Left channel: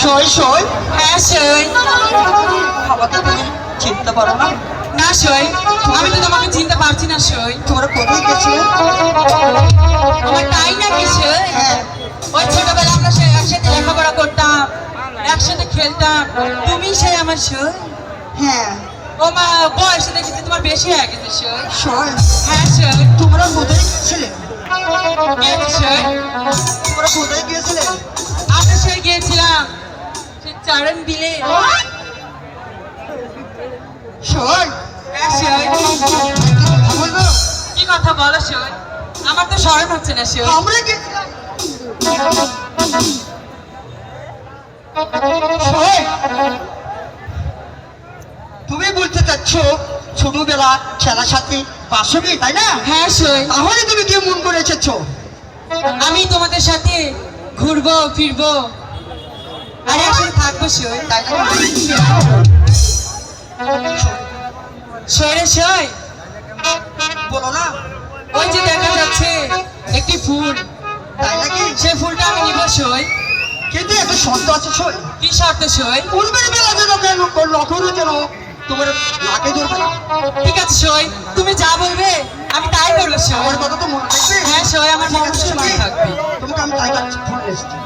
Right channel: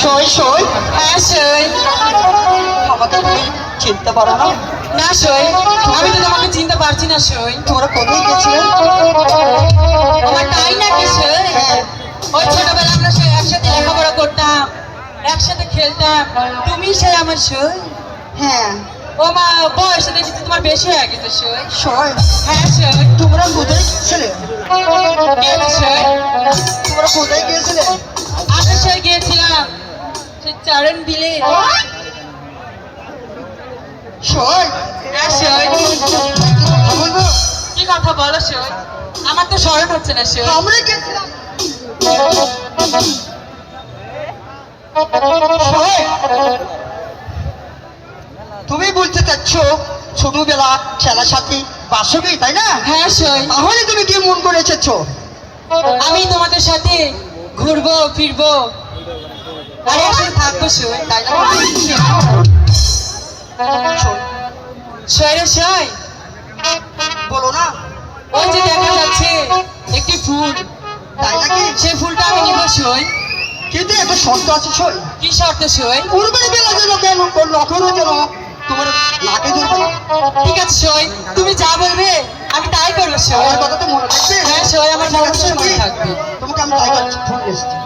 সই সই হ্যাঁ সই। আমাকে তুমি চিনতে পারো না? না সই, আমি তো তোমাকে চিনতে পারছি না সই। তোমরা কোথায় গেছিলে? আমার তাই নাকি সই? হ্যাঁ। ওই ছোটবেলা আমরা সে একসাথে লেখাপড়া করতাম, একসাথে খেলতাম, তুমি সে আমার সই। হ্যাঁ ও মা, বয়সে দেখেছি তোমার বেশি হয়ে গেছে সই। সই। হ্যাঁ সই। তোমরা কোথায় গিয়েছিলে? কেন সই? তোমরা কোথায় গিয়েছিলে? আশা সই গিয়েছিলাম সে চরণ বিলে। সই। হ্যাঁ সই। কথা বলবো? কি কথা বলো সই? আমার তো স্মরণ হচ্ছে না সই। আমরা গেছিলাম। সই, তুমি বলতে চাচ্ছ ছোটবেলা খেলার সাথে বাসবি, তাই না? হ্যাঁ সই, তাহলে তুমি কি মন করে এসেছো? আমি তোমাদের সাথে ঘুরবো ফিরবো আর একসাথে থাকবো সই। তাই না? সই রে সই, বলো না। ওই যে দেখা যাচ্ছে একটি ফুল, তাই নাকি? সে ফুলটা আমি নিব সই। কিন্তু একটা শর্ত আছে সই। কি শর্ত সই? পূর্বের বেলা যেন কেন লক্ষণ যেন তোমার নাকে ধরবে না। ঠিক আছে সই, তুমি যা বলবে আমি তাই করবো সই। আমার কথা তো মনে থাকবে? হ্যাঁ সই, আমার অবশ্যই মনে থাকবে। তোমাকে আমি তাই ফুল এসেছি।